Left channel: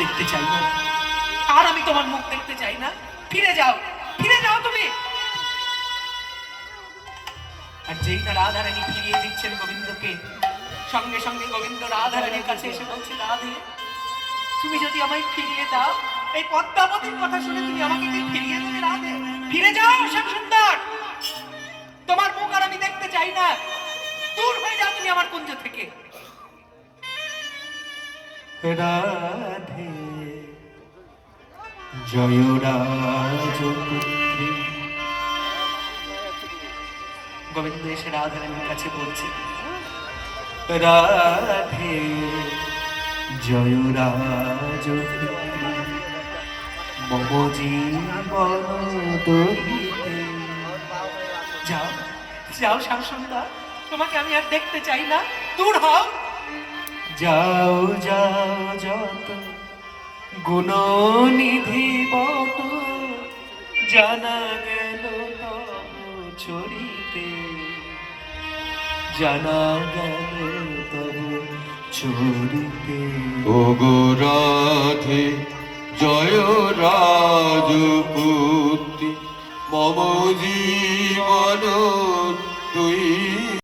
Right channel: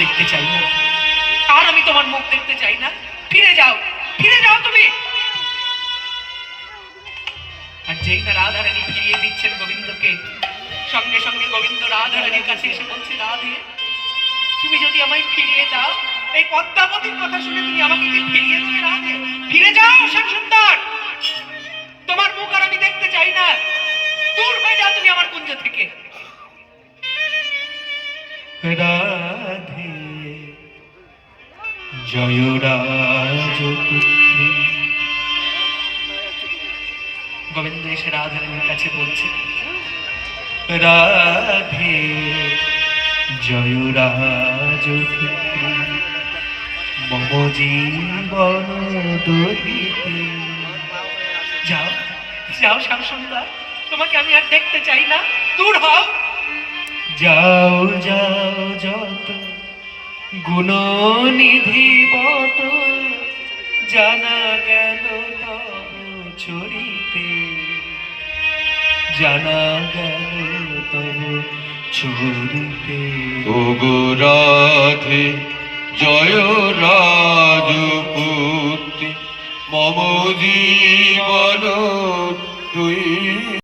দেখতে চাই না, আর আমি তোমার মুখ দেখতে চাই না। ফিরে যাও, ফিরে যাও তুমি। আর যেই না রাধারানী ফিরিয়ে দিচ্ছেন গোবিন্দকে, সঙ্গে সঙ্গে গোবিন্দ রাধারানীর কাছে এসে বলছে, রাধে তুমি যদি আমায় ফিরিয়ে দাও, এই পদ্মাবতীর কথা শুনে তুমি আমাকে কি ফিরিয়ে দেবে? রাধে ফিরে যাও শ্যাম সুন্দর, তোমার মুখ আর আমি দেখতে চাই না, দূর হয়ে যাও তুমি আমার কুঞ্জ থেকে। রাধে জয় রাজপুত্রী। গোবিন্দ এসে রাধারানীর কাছে বলছে, রাধে জয় রাজপুত্রী মম জীবন দহিতে। যাও যাও শ্যাম সুন্দর, তোমাকে আমি আর দেখতে চাই না, দূর হও। যাও যাও যত গুণনিধি বট, জানা গেল তব চরিতে, জানা গেল তব চরিতে। ওগো রাধে জয় রাজপুত্রী মম জীবন তুই